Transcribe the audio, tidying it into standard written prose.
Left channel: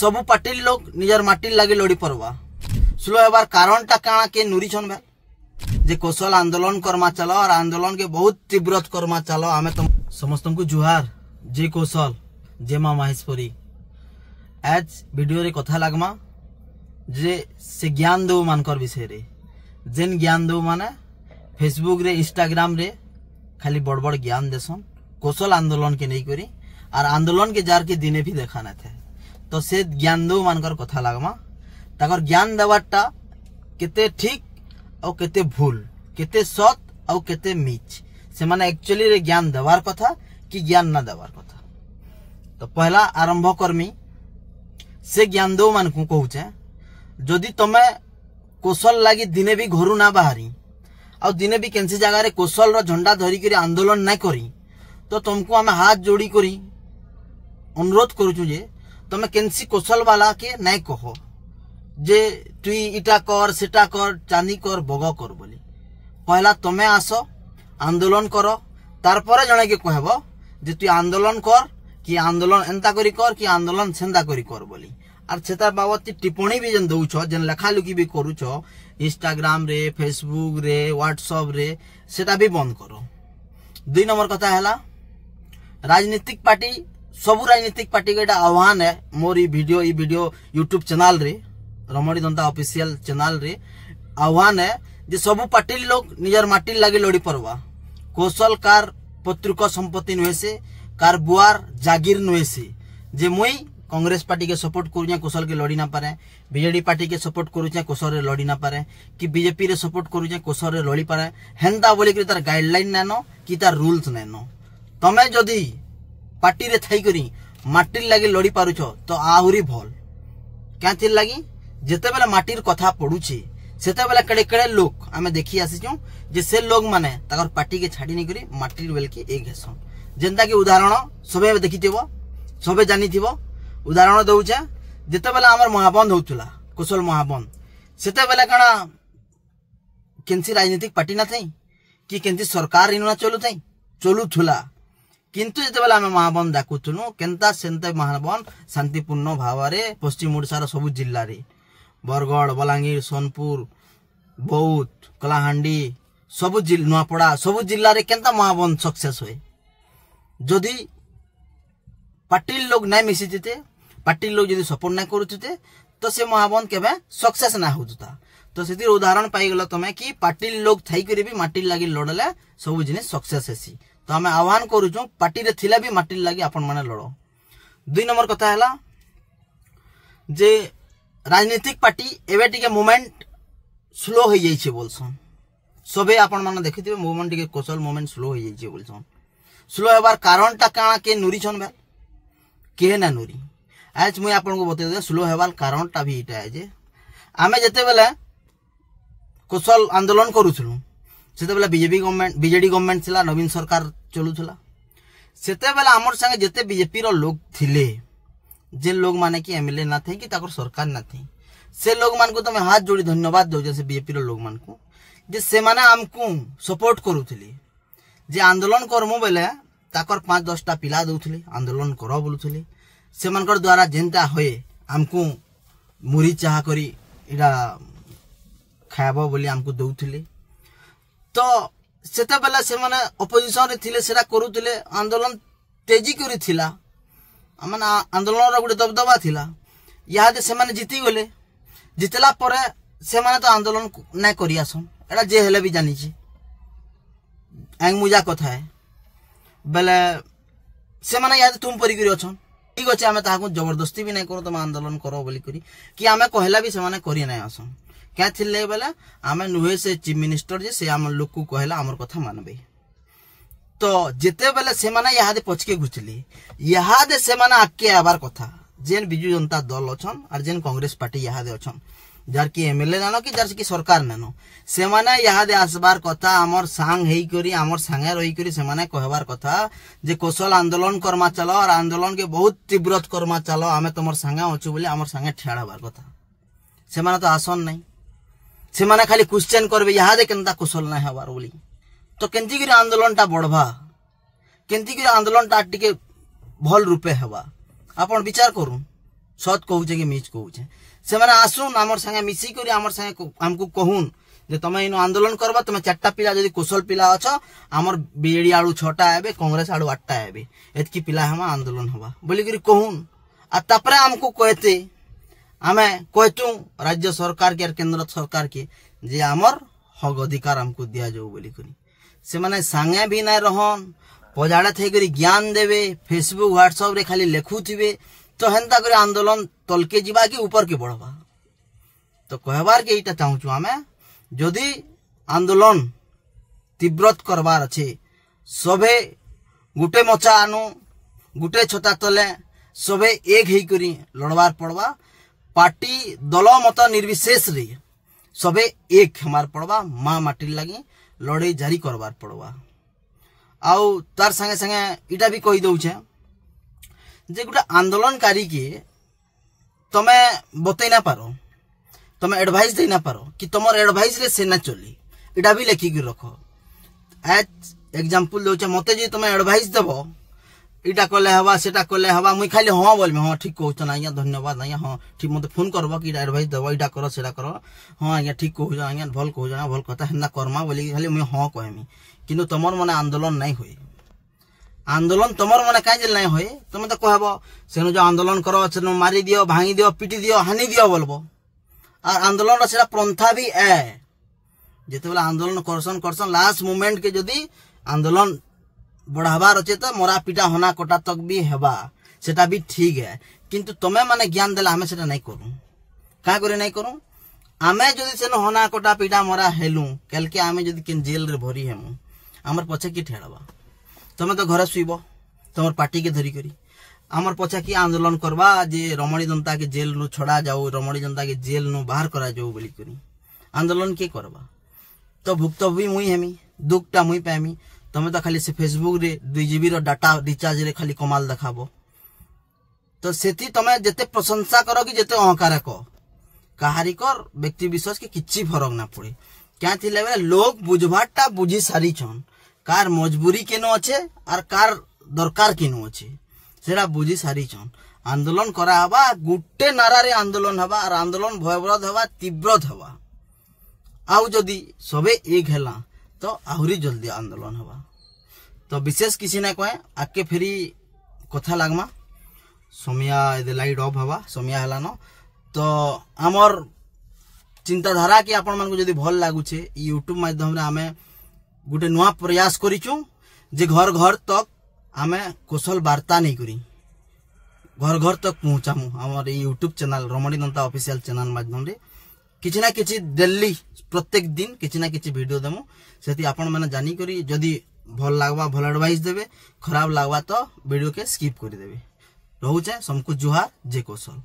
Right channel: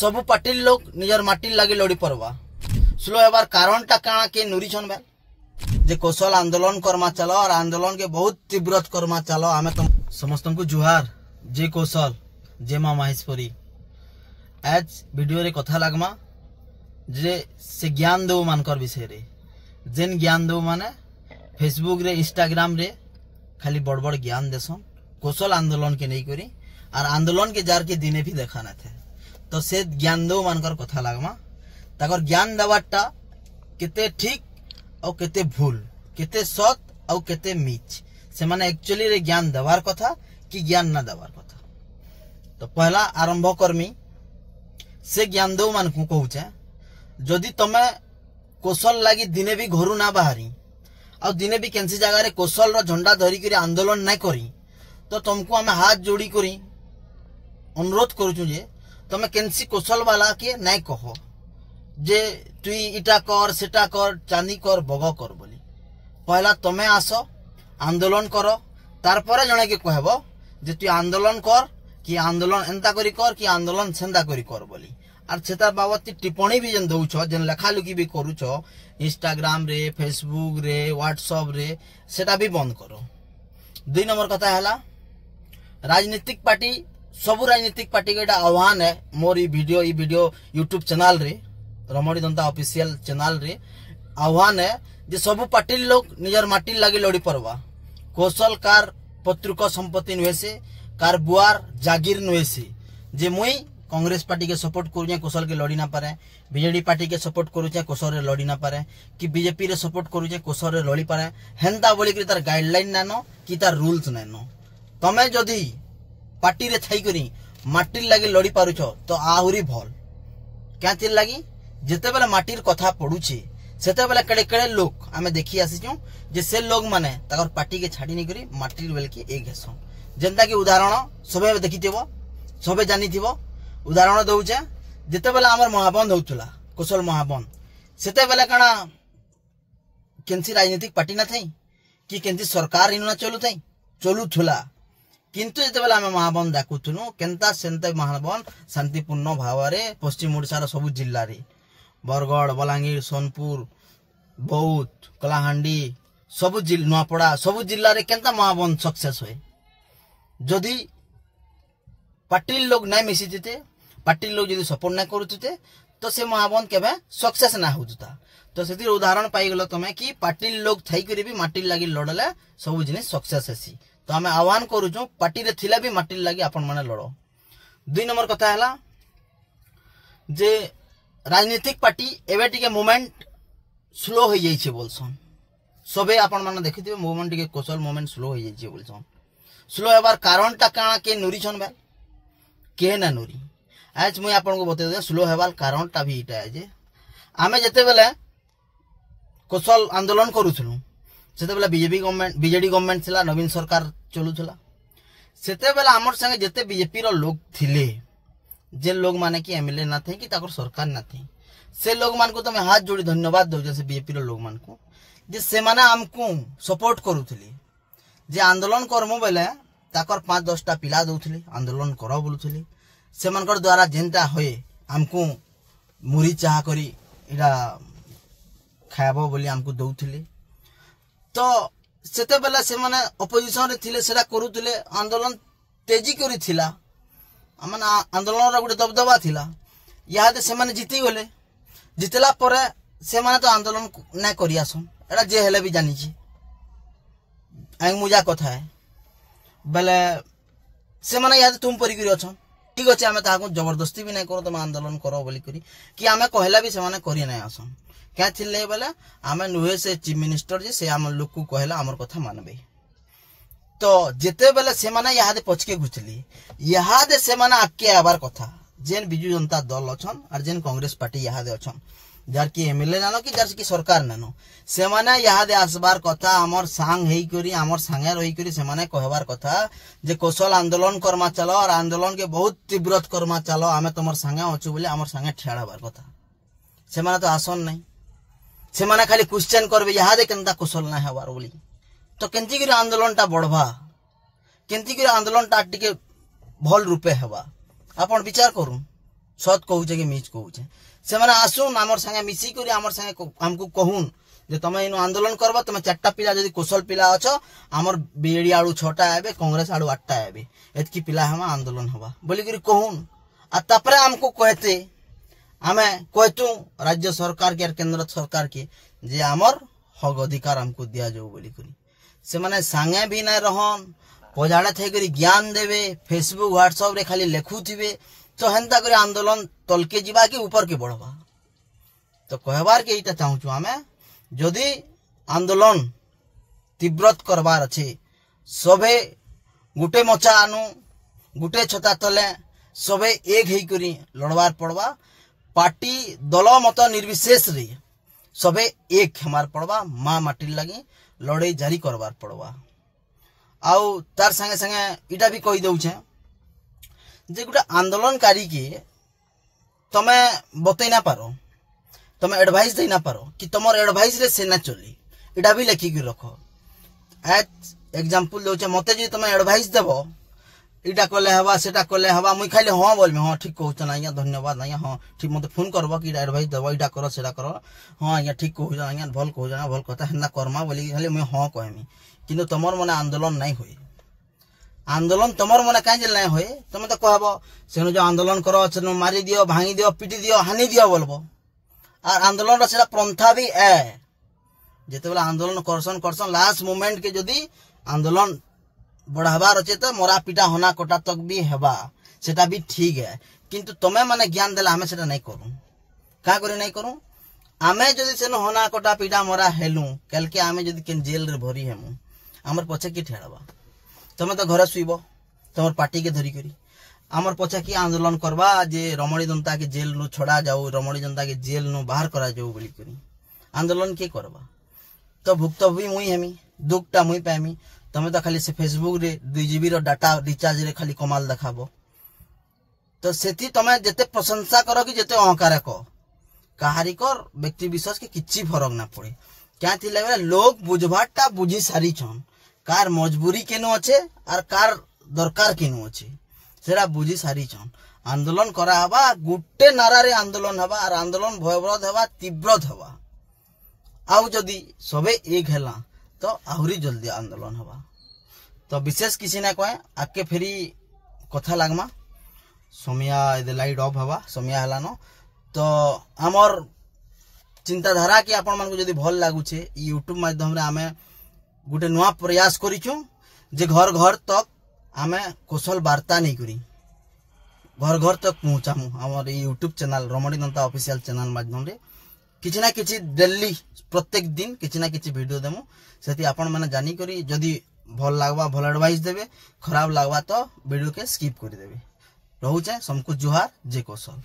सबु पार्टी लोग निजर माटी लगे लड़ी पड़वा स्लो होबार कारण टा काना के नुरी छन भाई जे कौशल आंदोलन करमा चलो और आंदोलन के बहुत तीव्र करमा चलो आमे तुम समस्त को जुहार जे कौशल जे मां माहेश्वरी आज वीडियो रे कथा लागमा जे से ज्ञान दो मानकर विषय रे जेन ज्ञान दो माने फेसबुक रे इंस्टाग्राम रे खाली बड़ बड़ ज्ञान देसन कौशल आंदोलन के नहीं करी और आंदोलन के जार के दिने भी देखा न थे तो से ज्ञान दो मानकर कथा लागमा ताकर ज्ञान देवाटा केते ठीक और केते भूल केते सत और केते मीच से माने एक्चुअली रे ज्ञान देवार कथा कि ज्ञान ना देवार कथा। तो पहला आरंभ करमी से ज्ञान दो मान को कहूचे जदि तमे कौशल लगी दिने भी घरू ना बाहरी और दिने भी केनसी जगह रे कौशल रो झंडा धरी करी आंदोलन नहीं करी तो तुमको आमे हाथ जोड़ी करी अनुरोध करूछु जे तमे केनसी कौशल वाला के नहीं कहो जे तुई इटा कर सेटा कर चांदी कर बग कर बोली पहला तमे आसो आंदोलन करो तार पर जने के कहबो जे तुई आंदोलन कर कि आंदोलन एंता करी कर कि आंदोलन सेंदा करी कर बोली और सेता बाबत टिप्पणी भी जन दउछो जन लेखालुकी भी करूछो इंस्टाग्राम रे फेसबुक रे व्हाट्सएप रे सेटा भी बंद करो। 2 नंबर कथा हैला राजनीतिक पार्टी सबु राजनीतिक पार्टी के आह्वान है मोर वीडियो यूट्यूब चैनल रे रमणी दंता ऑफिशियल चैनल रे आह्वान है जे सबु पार्टी लोग निजर माटी लगे लड़ी पड़वा कौशल कार पत्रिका संपत्ति नुहे से कार बुआर जागीर नुहे से जे मुई कांग्रेस पार्टी के सपोर्ट करूँ कौशल के लड़ी ना पारे बीजेडी पार्टी के सपोर्ट करूँ कौशल रे लड़ी ना पारे कि बीजेपी रे सपोर्ट करूँ कौशल रे लड़ी पारे हेन्ता बोली कि तार गाइडलाइन नैनो कि तार रूल्स नैनो तमे जदि पार्टी रे थाई करी माटी लगे लड़ी पारुछ तो आहुरी भल क्या थिर लगी जेते बेले माटीर कथा पड़ुछे सेते बेले केड़े केड़े लोग आमे देखि आसीचो जे से लोग माने ताकर पार्टी के छाड़ी नहीं करी माटीर बेल के एक हेसन जेंता कि उदाहरण सबे देखिथिबो सबे जानिथिबो उदाहरण दउछे जेते बेले हमर महाबंद होतुला कौशल महाबंद सेते बेले कणा केनसी राजनीतिक पार्टी ना थई कि केनसी सरकार इना चलु थई चलु थुला किंतु जेते बेले आमे महाबंद डाकुथुनु केनता सेनते महाबंद शांतिपूर्ण भाव रे पश्चिम ओडिसा रो सब जिल्ला रे बरगढ़ बलांगीर सोनपुर बौद्ध कलाहांडी सब नुआपड़ा सब जिल्ला रे केनता महाबंद सक्सेस होए जदि पार्टी लोग नहीं मिसी जेते पार्टी लोग जदि सपोर्ट नहीं करूते तो से महाबंद केबे सक्सेस ना होता तो से उदाहरण पाई गलो तमे कि पार्टी लोग थई करी भी माटी लागी लड़ले सब जिनिस सक्सेस हेसी तो आमे आह्वान करूछु पार्टी रे थिला भी माटी लागी आपण माने लड़ो। 2 नंबर कथा हैला जे राजनीतिक पार्टी एवे टिके मूवमेंट स्लो हो जाई छे बोलसन सबे आपण माने देखिथिबे मूवमेंट टिके कौशल मूवमेंट स्लो हो जाई छे बोलसन स्लो हेबार कारण टा काना के नुरी छन भाई के ना नुरी आज मुई आपण को बते दे स्लो हेबार कारण टा भी इटा है जे आमे जते बेले कौशल आंदोलन करूथलु सेते बेले बीजेडी गवर्नमेंट थिला नवीन सरकार चलुथला सेते बेले हमर संगे जते बीजेपी रो लोग थिले जे लोग माने कि एमएलए ना थे कि ताकर सरकार ना थे से लोग मान को तो मैं हाथ जोड़ी धन्यवाद दो जैसे बीजेपी रो लोग मान को जे से माने हमकु सपोर्ट करूथली जे आंदोलन करमु बेले ताकर 5-10 टा पिला दउथली आंदोलन करो बोलुथली से मानकर द्वारा जेंता होए हमकु मुरी चाह करी इडा खाबो बोली हमकु दउथली तो सेते बेले से माने ऑपोजिशन रे थिले सेरा करूथले आंदोलन तेजी करी थिला आमना आंदोलन रो गुडे दबदबा थिला यादे से माने जीती गले जितला परे से माने तो आंदोलन नै करी आसन एडा जे हेले भी जानि छी आइ मुजा कथा है बेले से माने यादे तुम परी करी अछन ठीक अछि आमे ताहाको जबरदस्ती भी नै करो तुम आंदोलन करो बोली करी कि आमे कहला भी से माने करी नै आसन क्या थिले बेले आमे नुहे से चीफ मिनिस्टर जे से आम लोग को कहला हमर कथा मानबे तो जेते बेले से माने यादे पछके घुचली यादे से माने आके आबार कथा जेन बिजू जनता दल अछन और जेन कांग्रेस पार्टी यादे अछन जार की एमएलए नानो कि जार की सरकार नानो से माने यादे आसबार कथा हमर सांग हेई करी हमर सांगे रही करी से माने कहबार कथा जे कौशल आंदोलन करमा चलो और आंदोलन के बहुत तीव्र करमा चलो आमे तमर सांगे अछु बोली हमर सांगे ठेड़ाबार कथा से माने तो आसन नहीं से माने खाली क्वेश्चन करबे यादे केनता कौशल ना हबार बोली तो केंती करी आंदोलन टा बढ़वा केंती करी आंदोलन टा टिके भल रूपे हवा आपण विचार करू सत कहूचे कि मिछ कहूचे से माने आसुन आमर संगे मिसी करी आमर संगे हमको कहून जे तमे इन आंदोलन करबो तमे 4टा पिला जदी कुशल पिला अछ आमर बीएडी आडू 6टा आबे कांग्रेस आडू 8टा आबे एतकी पिला हम आंदोलन हवा बोली करी कहून आ तापरे हमको कहते आमे कहतु राज्य सरकार के केंद्र सरकार के जे आमर हक अधिकार हमको दिया जाऊ बोली करी से माने संगे भी ना रहन पजाणे थे करी ज्ञान देवे फेसबुक व्हाट्सएप रे खाली लेखुथिबे तो हेंता करी आंदोलन तलके जीवा कि ऊपर के बढ़वा तो कहबार के इटा चाहूछु आमे जदि आंदोलन तीव्रत करबार अच्छे सबे गुटे मचा आनु गुटे छता तले सबे एक ही करी लड़बार पड़वा पार्टी दल मत निर्विशेष रे सबे एक हमार पड़वा माँ माटी लगी लड़ाई जारी करबार पड़वा आउ तार संगे संगे इटा भी कही दउछे जे गुटा आंदोलनकारी के तमे बतई ना पारो तमे एडवाइस दे ना पारो कि तुमर एडवाइस रे सेना चली इटा भी लेखि के रखो एज एग्जांपल दउछे मते जे तमे एडवाइस देबो इटा कले हवा सेटा कले हवा मुई खाली हां बोलबे हां ठीक कहू ना आज्ञा धन्यवाद आज्ञा हां ठीक मते फोन करबो कि एडवाइस देबो इटा करो सेटा करो हां आज्ञा ठीक कहू आज्ञा भल कहू जाना भल कथा हेना कर्मा बोली खाली मुई हां कहमी किंतु तमर मने आंदोलन नहीं होई आंदोलन तमर मने काहे जे नहीं होई तमे तो कहबो सेनु जो आंदोलन करो सेनु मारी दियो भांगी दियो पिटी दियो हानि दियो बोलबो और आंदोलन सेटा प्रंथा भी है जेते बेला आंदोलन करसन लास्ट मोमेंट के जदी आंदोलन बढ़ावार अच्छे तो मोरा पिटा होना कोटा तक भी हेबा सेटा भी ठीक है किंतु तमे माने ज्ञान देला हमें सेटा नहीं करूं का करे नहीं करूं आमे जदी सेनो होना कोटा पिटा मोरा हेलू कल के आमे जदी केन जेल रे भरी हेमु हमर पछे की ठेड़बा तमे तो घर सुइबो तमर पार्टी के धरी करी आमर पछे की आंदोलन करबा जे रमणी जनता के जेल नु छोड़ा जाऊ रमणी जनता के जेल नु बाहर करा जाऊ बोली करी आंदोलन के करबा तो भुक्तभोगी मुई हेमी दुखटा मुई पामी तमे तो खाली से फेसबुक रे 2 GB रो डाटा रिचार्ज रे खाली कमाल देखाबो तो सेति तमे जते प्रशंसा करो कि जते अहंकार को कहारी कर व्यक्ति विशेष के किछि फरक ना पड़े क्या थी लेवे लोग बुझबाटा बुझी सारी छन कार मजबूरी केनो अच्छे और कार दरकार केनो अच्छे सेरा बुझी सारी छन आंदोलन करा हवा गुटे नारा रे आंदोलन हवा और आंदोलन भयबरद हवा तीव्रत हवा आउ जदी सबे एक हेला तो आहुरी जल्दी आंदोलन हवा तो विशेष किसी ना कहे आके फेरी कथा लागमा समिया इदे लाइट ऑफ हवा समिया हला न तो आमर चिंताधारा के आपण मन को जदी भल लागु छे यूट्यूब माध्यम रे आमे गुटे नवा प्रयास करिछु जे घर घर तक आमे कुशल वार्ता नहीं करी घर घर तक पहुंचामु हमर यूट्यूब चैनल रमणी दंता ऑफिशियल चैनल माध्यम रे किछि ना किछि डेली प्रत्येक दिन किछि ना किछि वीडियो देमु सेति आपण माने जानी करी जदी भल लागबा भल एडवाइस देबे खराब लागबा तो वीडियो के स्किप कर देबे रहू छे सबको जुहार जय कौशल।